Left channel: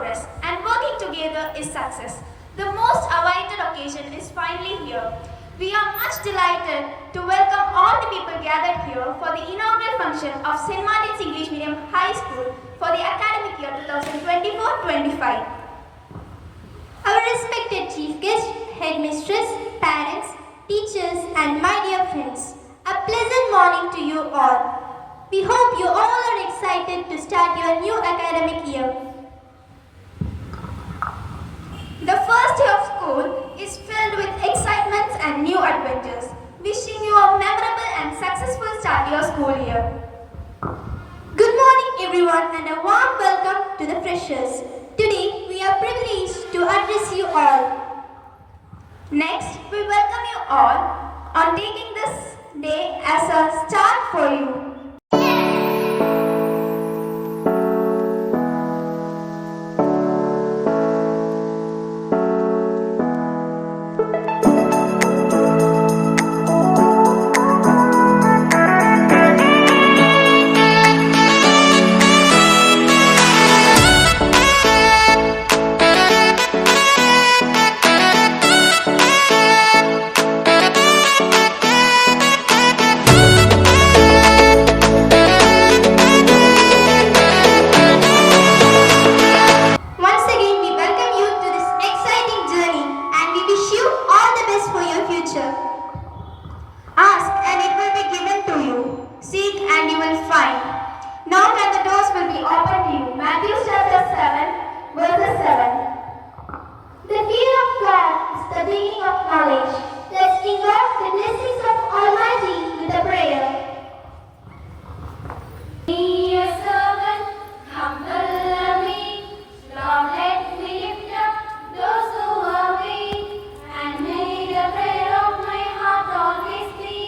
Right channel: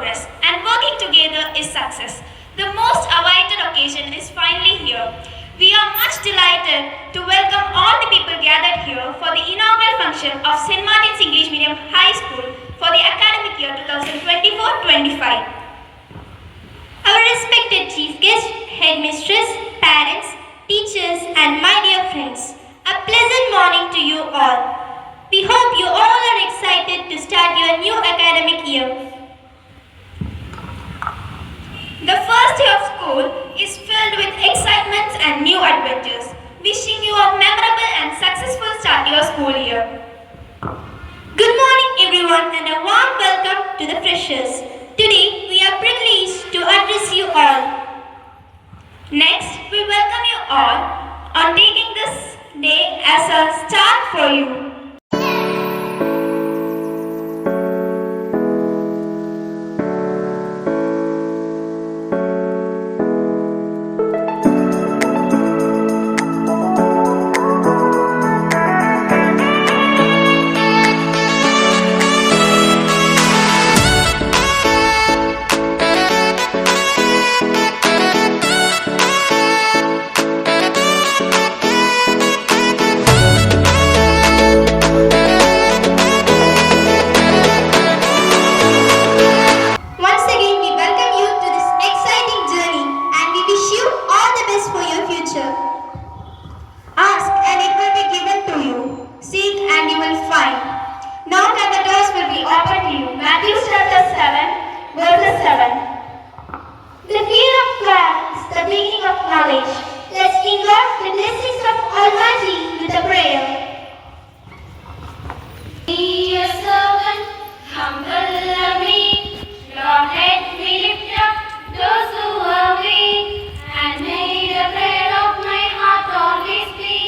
progress, and working together is success. The most awaited occasion is finally here. We are much delighted to welcome all the people gathered here for the inaugural function of St. Martin's English Medium High School for the academic year 2024-25. Our respected chief guest, headmistress, parents, teachers, and my dear friends, a pleasant morning to you all. We hope you all are excited to start your new academic year. The first day of school is filled with excitements and new adventures. Wishing you a memorable and successful start to your school year. Good morning everyone and a warm welcome to the freshers. Today we are privileged to address you all. Next, we welcome you all on taking this day as a start for you. Ask and it will be given to you. Seek and you will find. Knock and the doors will be opened to you. Matthew chapter 7, verse 7. The fear of God is the beginning of knowledge. Let's invoke the blessings of Almighty with a prayer. Be a servant, humble and meek. Lord, let me lift up those who are weak, and may the prayer of my heart always be.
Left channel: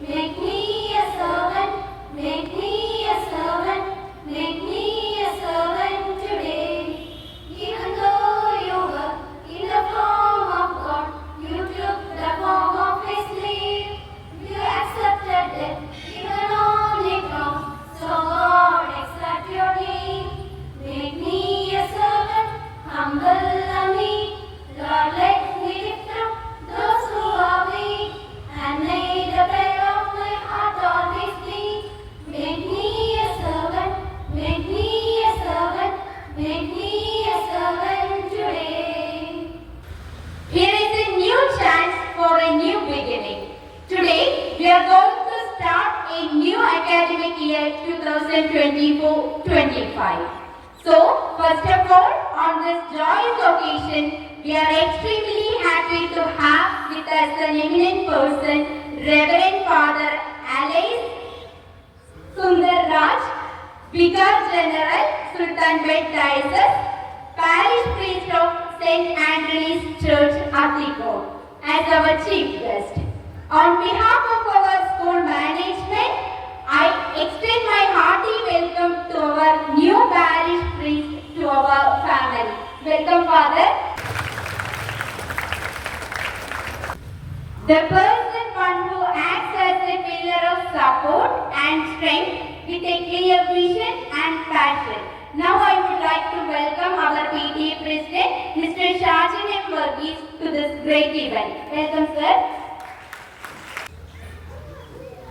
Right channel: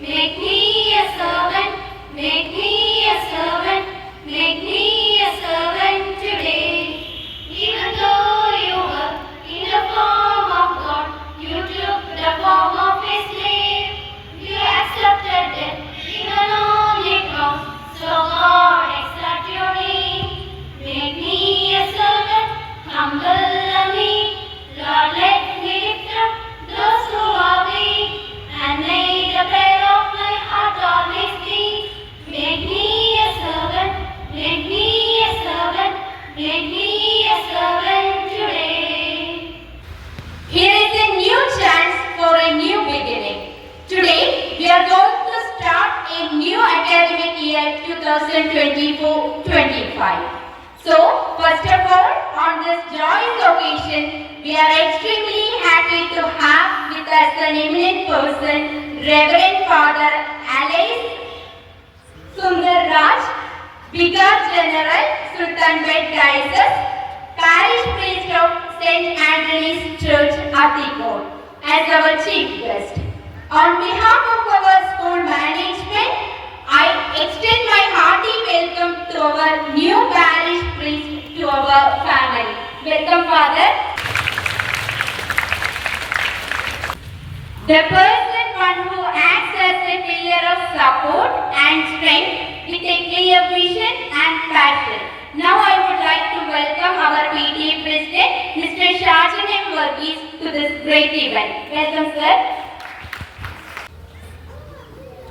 Make me a servant, make me a servant, make me a servant today. Even though you were in the form of God, you took the form of a slave. You accepted death, even on the cross. So Lord, accept your name. Make me a servant, humble and meek. Lord, let me lift up those who are weak, and may the prayer of my heart always be. Make me a servant, make me a servant, make me a servant today. Here is a new chance for a new beginning. Today, we are going to start a new academic year 2024-25. So, first of all, on this joyous occasion, we are extremely happy to have with us an eminent person, Reverend Father Alice Sundar Raj, Vicar General, Sultanbet Diocese, Parish Priest of St. Anthony's Church, Atikot, as our chief guest. On behalf of our school management, I extend my hearty welcome to our new parish priest to our family. Welcome, Father. The person one who acts as a pillar of support and strength with a clear vision and passion. Now I would like to welcome our PTA President, Mr. Shajan M. Varghese, to this great event. Welcome, sir.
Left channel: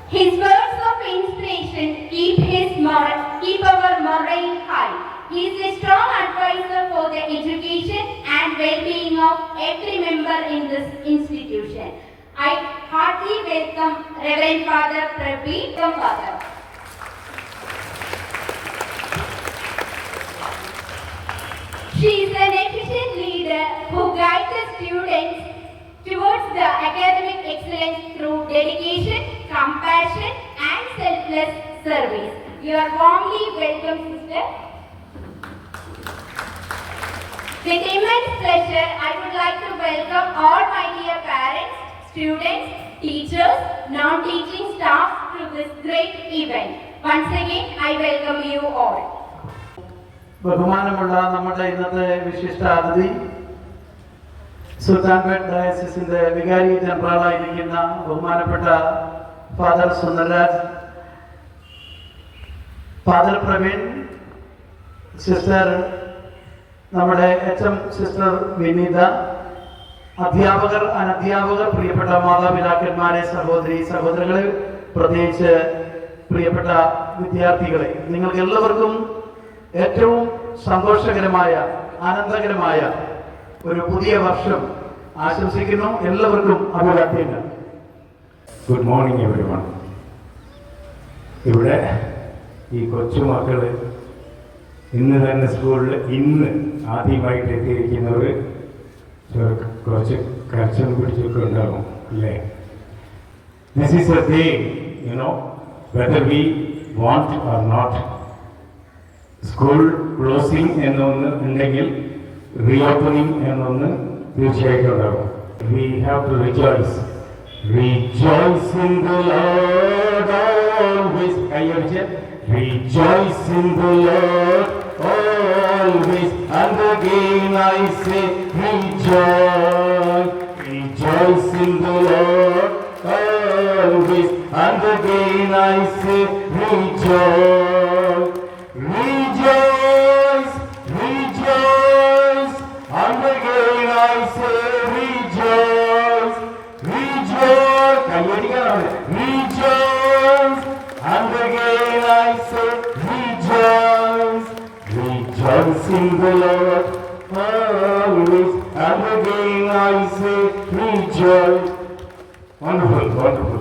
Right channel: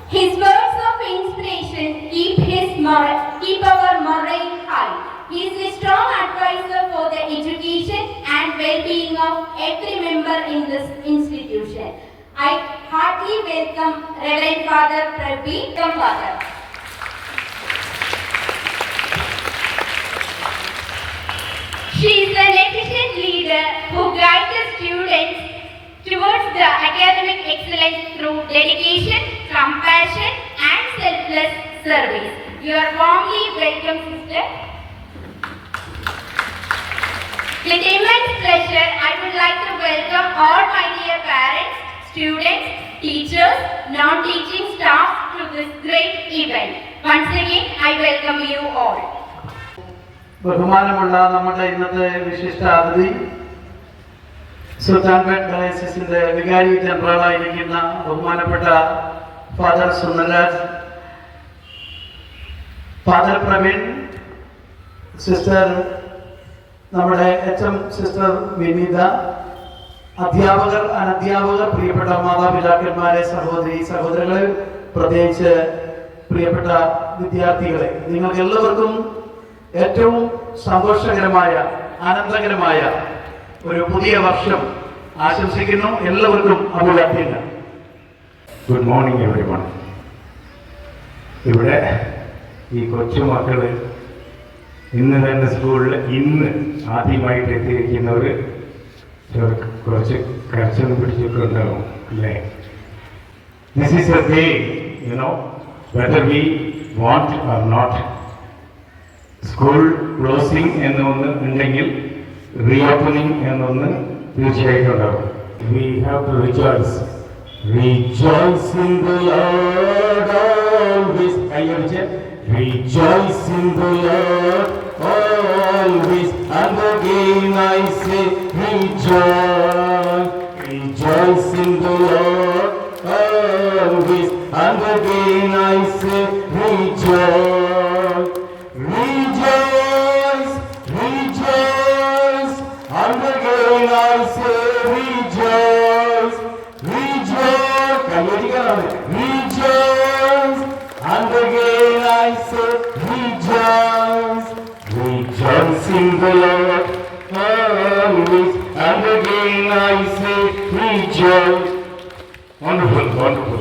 His words of inspiration keep our morale high. He is a strong advisor for the education and well-being of every member in this institution. I heartily welcome Reverend Father Prabi. Welcome, Father. She is an efficient leader who guides the students towards the academic excellence through dedication, compassion, and selfless service. You are warmly welcome, sister. With immense pleasure, I would like to welcome all my dear parents, students, teachers, non-teaching staff to this great event. Once again, I welcome you all. ബഹുമാനമുള്ള നമ്മുടെ ഇന്നത്തെ വിശിഷ്ടാതിഥി സുൽത്താൻപേട്ട് ഡയസിന്റെ വികാരി ജനറലായിരിക്കുന്ന ബഹുമാനപ്പെട്ട ഫാദർ സുന്ദർരാജ്, ഫാദർ പ്രവീൺ, സിസ്റ്റർ നമ്മുടെ HM sister വിനീത, അധ്യാപകർ, അനധ്യാപകർ, പ്രിയപ്പെട്ട മാതാപിതാക്കന്മാരെ, സഹോദരങ്ങളെ, പ്രത്യേകിച്ച് പ്രിയപ്പെട്ട വിദ്യാർത്ഥികളെ, നിങ്ങൾക്ക് എല്ലാവർക്കും ഏറ്റവും സന്തോഷകരമായ, ആനന്ദകരമായ ഒരു പുതിയ വർഷം ആശംസിക്കുന്നു. എല്ലാവർക്കും അഭിവാദ്യങ്ങൾ. Good morning everyone. ഇവിടെ ഈ കൊച്ചുമക്കൾ ഇന്ന് തന്നെ സ്കൂളിൽ ആദ്യമായിട്ട് എത്തിയിരിക്കുന്നവർ കുറച്ച് കരച്ചിലും പിടിച്ചൊക്കെ ഉണ്ടാകും അല്ലേ? This is a day, whether we want or not. School closing എന്നൊന്ന് ഉണ്ടെങ്കിൽ റീഓപ്പണിംഗ് എന്നൊന്ന് തീർച്ചയായിട്ടും ഉണ്ടാകും. We have to rejoice. Rejoice in the Lord always. Rejoice in the Lord always. And again I say rejoice. Rejoice in the Lord always. And again I say rejoice. Rejoice, rejoice. And again I say rejoice. Rejoice, rejoice, and again I say rejoice. Rejoice in the Lord always, and again I say rejoice. Wonderful, wonderful.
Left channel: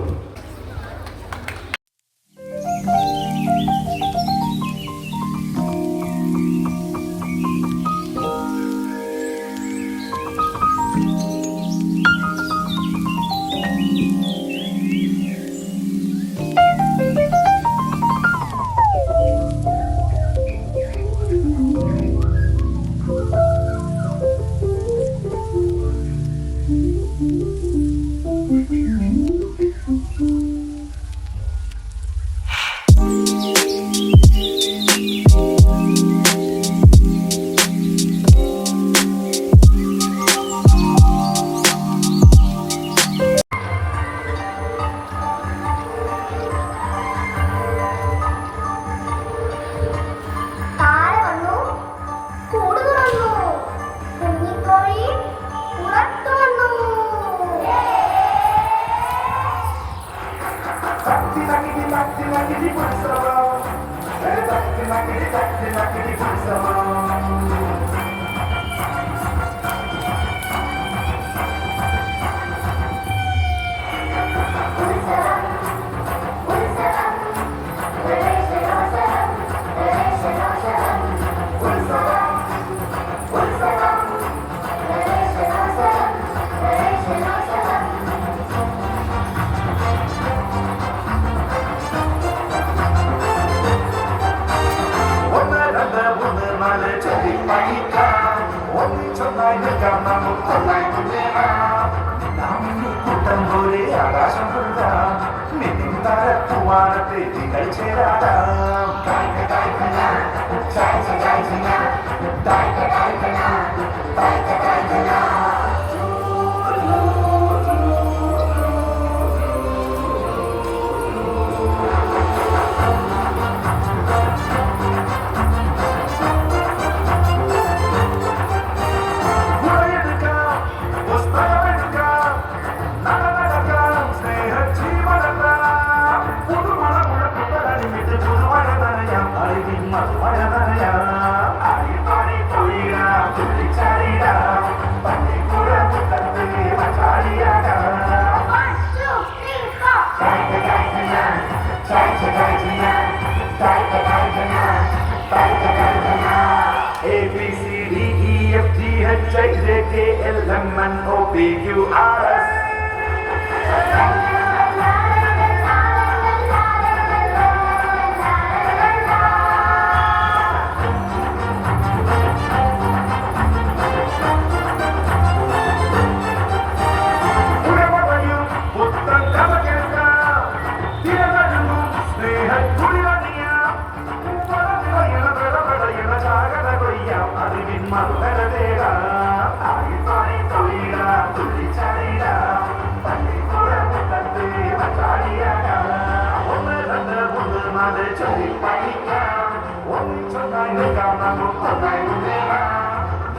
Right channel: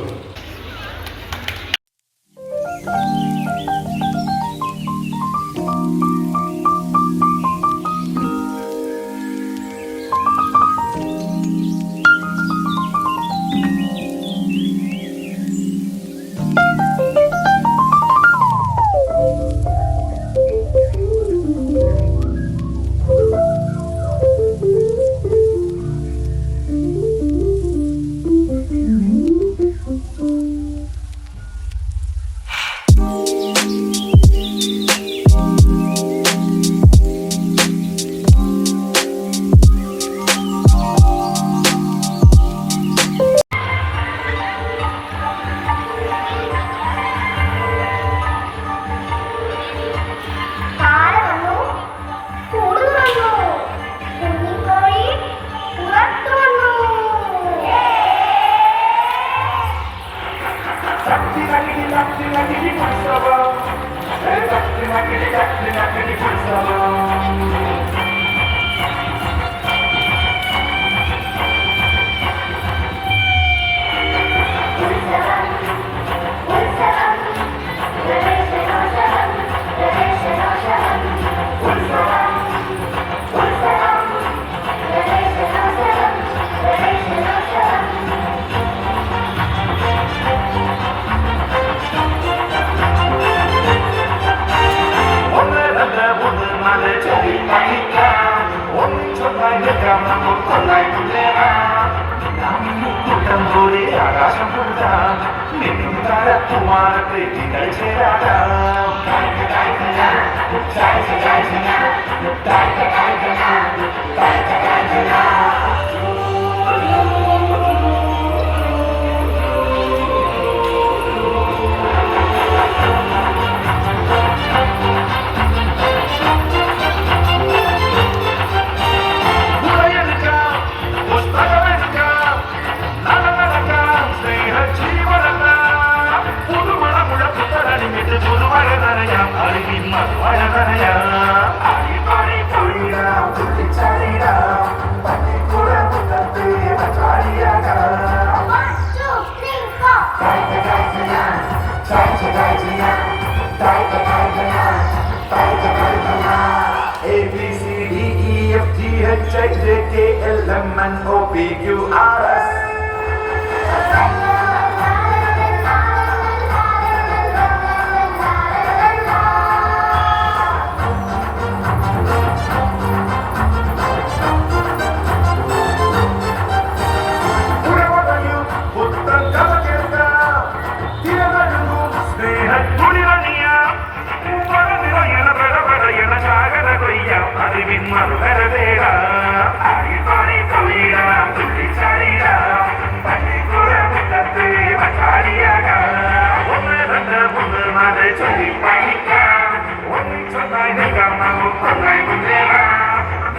One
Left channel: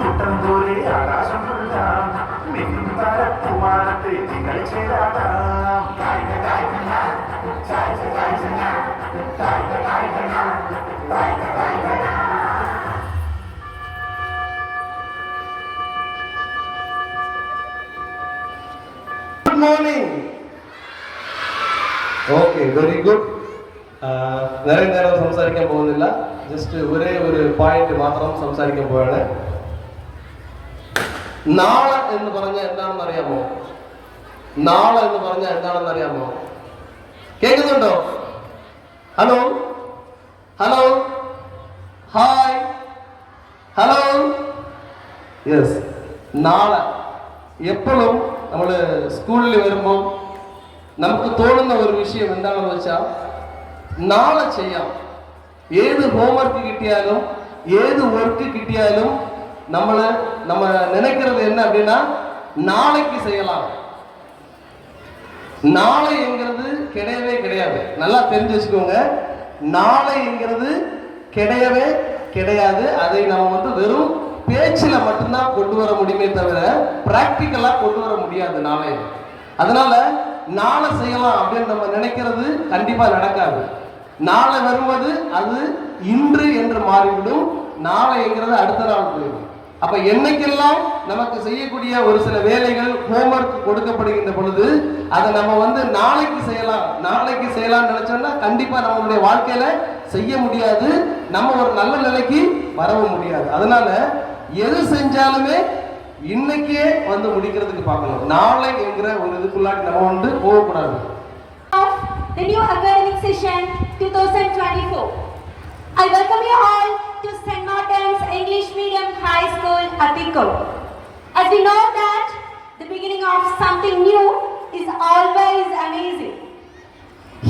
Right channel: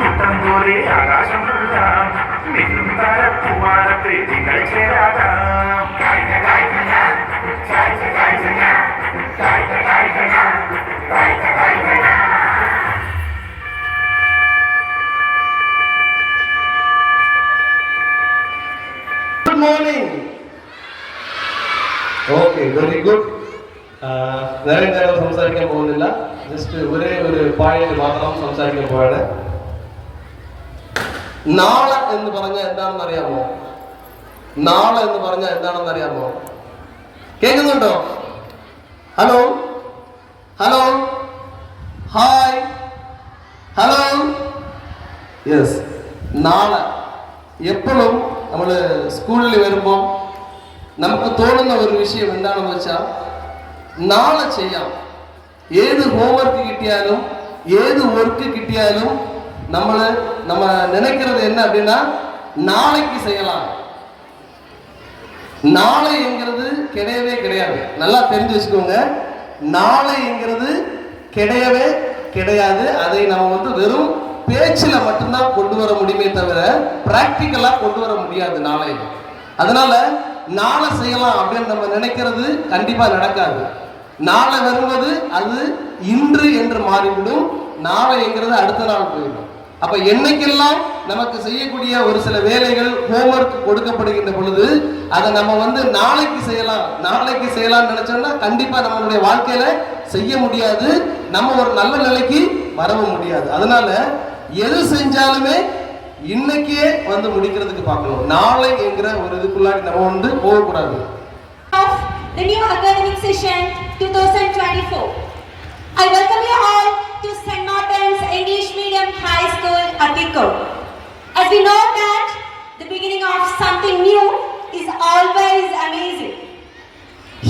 കൂട്ടം പോലെ ആകാശം കൊള്ളാം മിന്നും താരപ്പൂവാനത്തെ നിങ്ങൾ ചേരാതാം good morning. Okay, very good. നേരം സംസാരിക്കാൻ പോകുന്നില്ല. ജസ്റ്റ് ഒരേ ഒരു പോയിന്റ് മാത്രം സംസാരിക്കാൻ പോവാണ്. നാളെ എന്ന് പറഞ്ഞാൽ എന്താണെന്ന് അറിയാമോ? നാളെ എന്ന് പറഞ്ഞാൽ എന്താണെന്ന് അറിയാമോ? കേൾക്കുന്നുണ്ടോ? Hello hello hi hello. Yes, നാളെ എപ്പോഴും നമ്മൾ സ്കൂളിൽ വരുമ്പോൾ നമുക്ക് തോന്നുന്ന ഒരു വിഷയം എന്താണെന്ന് വെച്ചാൽ നാളെ ചെയ്യാം. ഏത് ഹോംവർക്ക് കിട്ടിയാലും ഏത് വർക്ക് കിട്ടിയാലും நம்ம நினைக்கிறது என்ன அப்படின்னா நாளைக்கு செய்யலாம். நாளைங்கிறது கிடையவே கிடையாது. நல்லா தெரிஞ்சு வச்சுக்கோங்க, நாளைங்கிறது கிடையவே கிடையாது. அதை நம்ம வெறும் பேச்சில் மட்டும்தான் கொண்டு வர முடியுமே தவிர பிராக்டிக்கலா கொண்டு வர முடியாது நாளை. அதனால நாளை செய்யலாம் அப்படின்னு நம்ம நினைக்கிறது கண்டிப்பா நடக்காது. நாளை வருவது அது இன்று என்று மாறிவிடும். நாளைங்கிறது அடுத்த நாள் போயிடும். அப்ப என்னைக்கெல்லாம் நமக்கு செய்யக்கூடிய ஒரு சில வேலைகள் ஹோம்வொர்க் கொடுக்கப்படுகின்ற பொழுது அதை நம்ம நாளைக்கு செய்யலாம் நினைச்சோம்னா கண்டிப்பா நம்மளுடைய வாழ்க்கையில செய்ய முடியாது. நம்ம ஒரு நல்ல நிலைக்கு வரவும் முடியாது. அதனால எது செஞ்சாலுமே இன்னைக்கே முடிக்கிறதுக்கு பார்க்கணும். நாளை என்கிற ஒரு இதுக்குள்ளாடி நம்ம போகக்கூடாது. The new academic session 2024. I welcome you all to St. Martin's English Medium High School, Atikko. As we know that the beginning of something new is always amazing.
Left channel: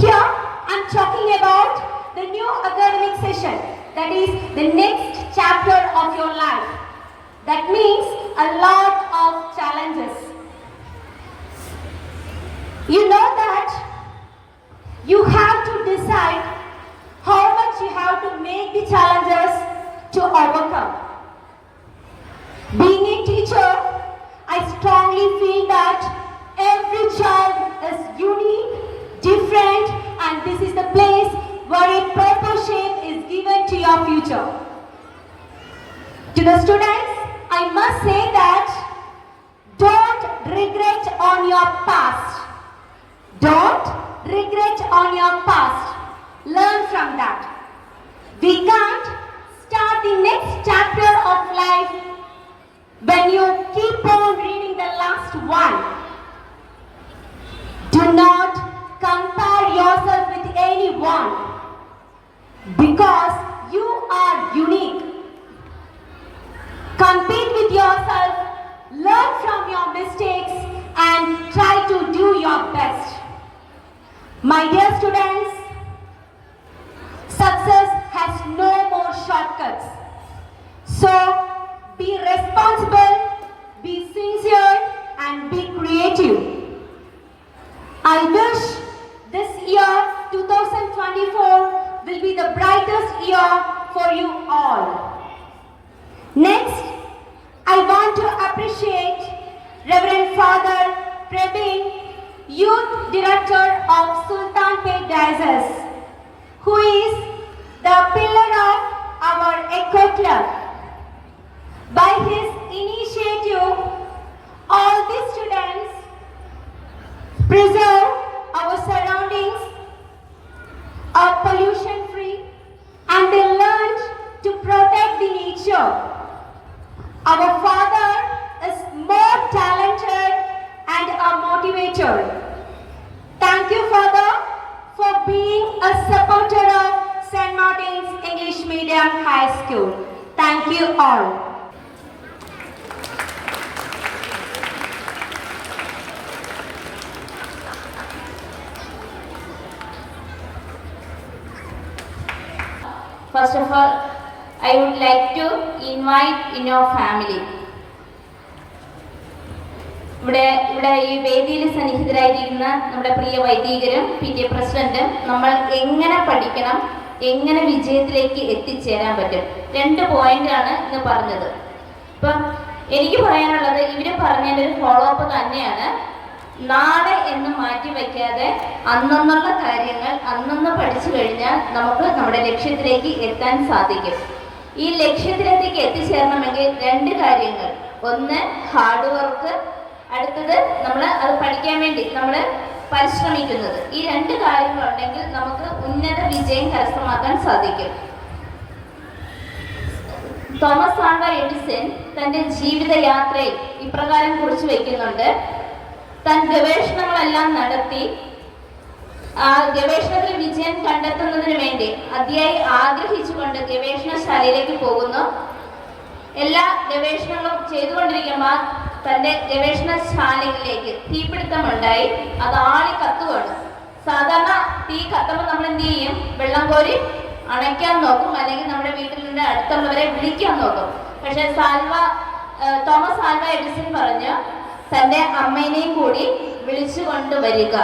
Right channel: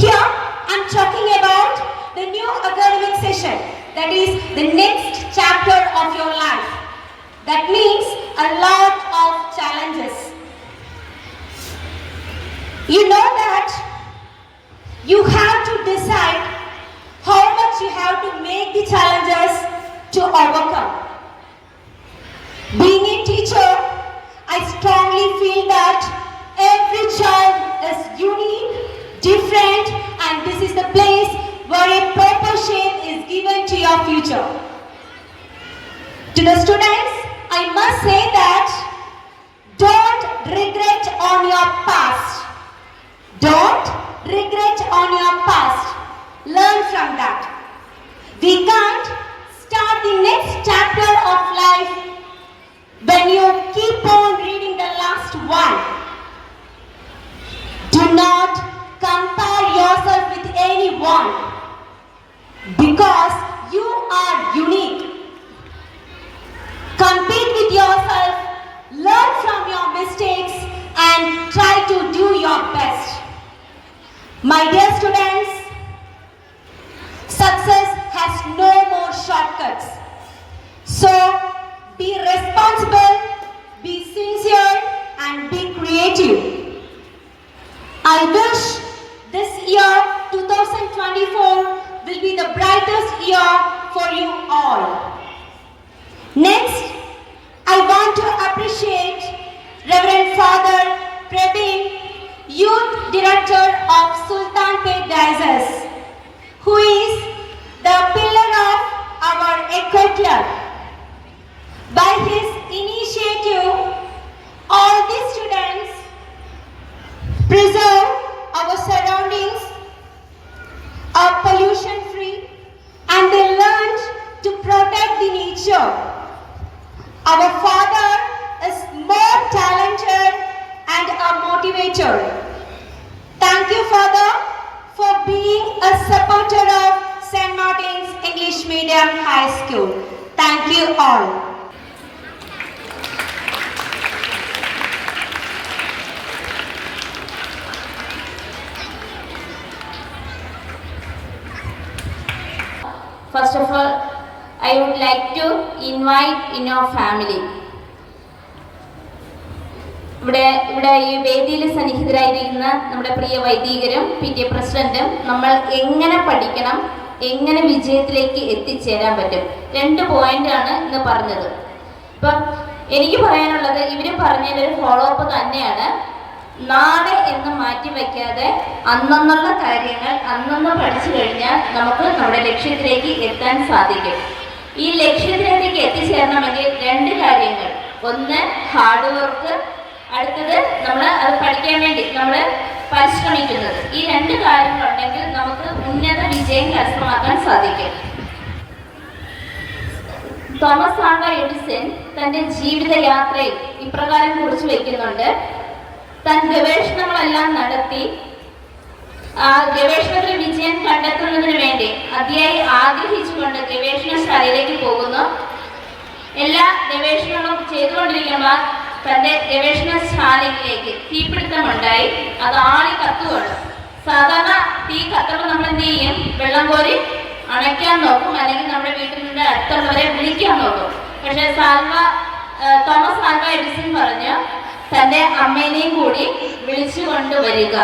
Here I'm talking about the new academic session, that is the next chapter of your life. That means a lot of challenges. You know that you have to decide how much you have to make the challenges to overcome. Being a teacher, I strongly feel that every child is unique, different, and this is the place where a proper shape is given to your future. To the students, I must say that don't regret on your past. Don't regret on your past. Learn from that. We can't start the next chapter of life when you keep on reading the last one. Do not compare yourself with anyone because you are unique. Compete with yourself, learn from your mistakes and try to do your best. My dear students, success has no more shortcuts. So, be responsible, be sincere, and be creative. I wish this year, 2024, will be the brightest year for you all. Next, I want to appreciate Reverend Father Praveen, Youth Director of Sultanpet Diocese, who is the pillar of our Echo Club. By his initiative, all the students preserve our surroundings, are pollution free, and they learned to protect the nature. Our father is more talented and a motivator. Thank you, Father, for being a supporter of St. Martin's English Medium High School. Thank you all. First of all, I would like to invite in our family. ഇവിടെ ഈ വേദിയിൽ സന്നിഹിതരായിരിക്കുന്ന നമ്മുടെ പ്രിയ വൈദികരും PTA പ്രസിഡന്റും നമ്മൾ എങ്ങനെ പഠിക്കണം, എങ്ങനെ വിജയത്തിലേക്ക് എത്തിച്ചേരാൻ പറ്റും, 2 പോയിന്റാണ് ഇന്ന് പറഞ്ഞത്. ഇപ്പം എനിക്ക് പറയാനുള്ളത് ഇവർ പറഞ്ഞതിലൊരു ഫോളോ അപ്പ് തന്നെയാണ്. നാളെ എന്ന് മാറ്റി വയ്ക്കാതെ അന്നുള്ള കാര്യങ്ങൾ അന്നന്ന് പഠിച്ചു കഴിഞ്ഞാൽ നമുക്ക് നമ്മുടെ ലക്ഷ്യത്തിലേക്ക് എത്താൻ സാധിക്കും. ഈ ലക്ഷ്യത്തിലേക്ക് എത്തിച്ചേരണമെങ്കിൽ 2 കാര്യങ്ങൾ. ഒന്ന് ഹാർഡ് വർക്ക്, അടുത്തത് നമ്മൾ അത് പഠിക്കാൻ വേണ്ടി നമ്മൾ പരിശ്രമിക്കുന്നത്. ഈ 2 കാര്യങ്ങളുണ്ടെങ്കിൽ നമുക്ക് ഉന്നത വിജയം കരസ്ഥമാക്കാൻ സാധിക്കും. തോമസ് ആൽവ എഡിസൺ തൻ്റെ ജീവിതയാത്രയിൽ ഇപ്രകാരം കുറിച്ചു വയ്ക്കുന്നുണ്ട്. താൻ ഗവേഷണങ്ങളെല്ലാം നടത്തി ഗവേഷണത്തിൽ വിജയം കണ്ടെത്തുന്നതിന് വേണ്ടി അതിയായി ആഗ്രഹിച്ചുകൊണ്ട് ഗവേഷണശാലയിലേക്ക് പോകുന്നു. എല്ലാ ഗവേഷണങ്ങളും ചെയ്തുകൊണ്ടിരിക്കുമ്പോൾ തൻ്റെ ഗവേഷണശാലയിലേക്ക് തീപിടുത്തമുണ്ടായി. അത് ആളി കത്തുകയാണ്. സാധാരണ തീ കത്തുമ്പോൾ നമ്മൾ എന്ത് ചെയ്യും? വെള്ളം കോരി അണയ്ക്കാൻ നോക്കും, അല്ലെങ്കിൽ നമ്മുടെ വീട്ടിലിൻ്റെ അടുത്തുള്ളവരെ വിളിക്കാൻ നോക്കും. പക്ഷേ തോമസ് ആൽവ എഡിസൺ പറഞ്ഞു തൻ്റെ അമ്മേനെയും കൂടി വിളിച്ചു കൊണ്ടുവരിക.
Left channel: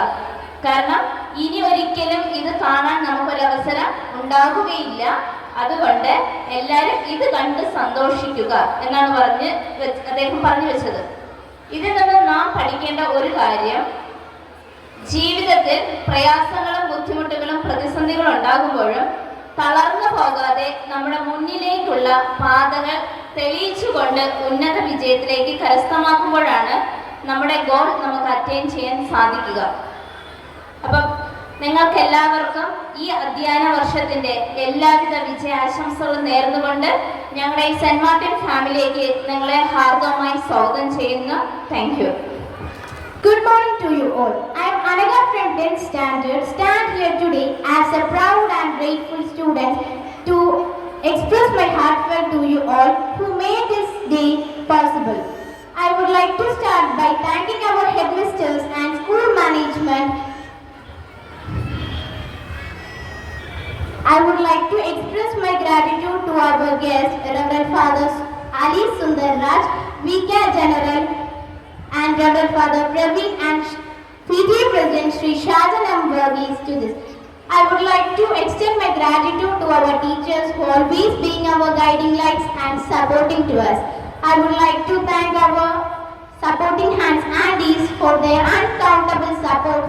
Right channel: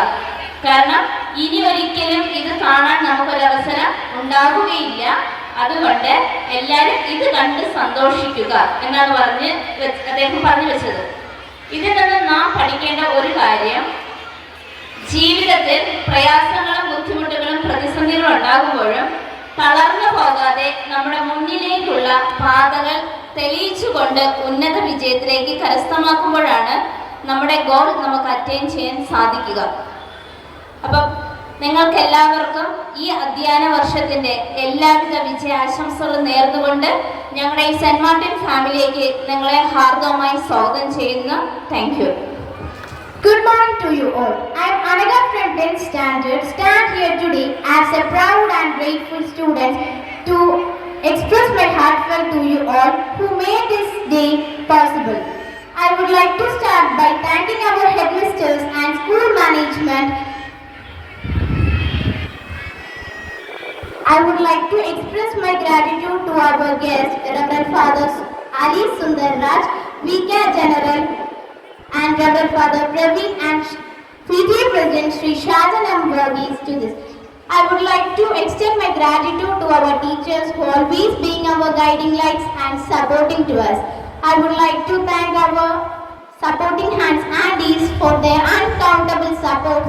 കാരണം ഇനി ഒരിക്കലും ഇത് കാണാൻ നമുക്കൊരവസരം ഉണ്ടാകുകയില്ല. അതുകൊണ്ട് എല്ലാവരും ഇത് കണ്ട് സന്തോഷിക്കുക എന്നാണ് അദ്ദേഹം പറഞ്ഞു വെച്ചത്. ഇതിൽ നിന്ന് നാം പഠിക്കേണ്ട ഒരു കാര്യം, ജീവിതത്തിൽ പ്രയാസങ്ങളും ബുദ്ധിമുട്ടുകളും പ്രതിസന്ധികളും ഉണ്ടാകുമ്പോഴും തളർന്നു പോകാതെ നമ്മുടെ മുന്നിലേക്കുള്ള പാതകൾ തെളിയിച്ചുകൊണ്ട് ഉന്നത വിജയത്തിലേക്ക് കരസ്ഥമാക്കുമ്പോഴാണ് നമ്മുടെ ഗോൾ നമുക്ക് അറ്റൈൻ ചെയ്യാൻ സാധിക്കുക. അപ്പം നിങ്ങൾക്ക് എല്ലാവർക്കും ഈ അധ്യയന വർഷത്തിൻ്റെ എല്ലാവിധ വിജയാശംസകളും നേർന്നുകൊണ്ട് ഞങ്ങളുടെ ഈ സെന്റ് മാർട്ടിൻ ഫാമിലിയിലേക്ക് നിങ്ങളെ ഹാർദവമായി സ്വാഗതം ചെയ്യുന്നു. Thank you. Good morning to you all. I am Anaga from 10th standard, stand here today as a proud and grateful student to express my heartfelt to you all who made this day possible. I would like to start by thanking our headmasters and school management. I would like to express my gratitude to our guests, Reverend Fathers Ali Sundar Raj, VK General, and Reverend Father Praveen and PTA President Sri Shajan M. Varghese to this. I would like to extend my gratitude to our teachers who always being our guiding lights and supporting to us. I would like to thank our supporting hands Andes for their uncountable support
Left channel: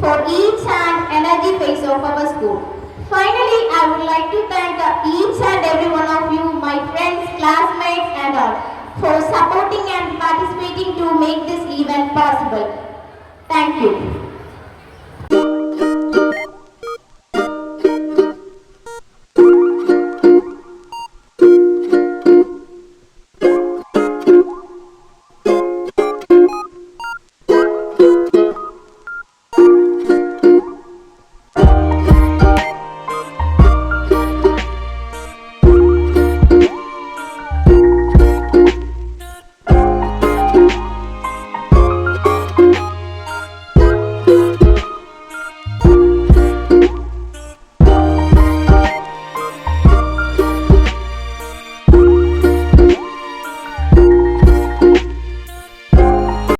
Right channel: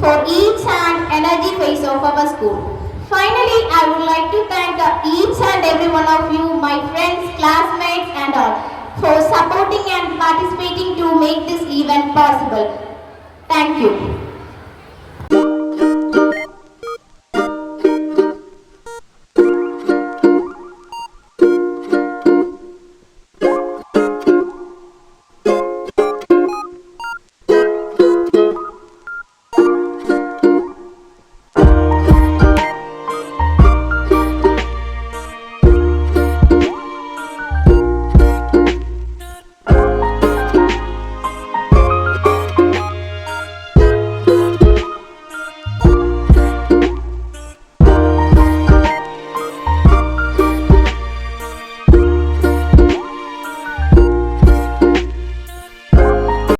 for each and energy phase of our school. Finally, I would like to thank each and every one of you, my friends, classmates and all, for supporting and participating to make this event possible. Thank you.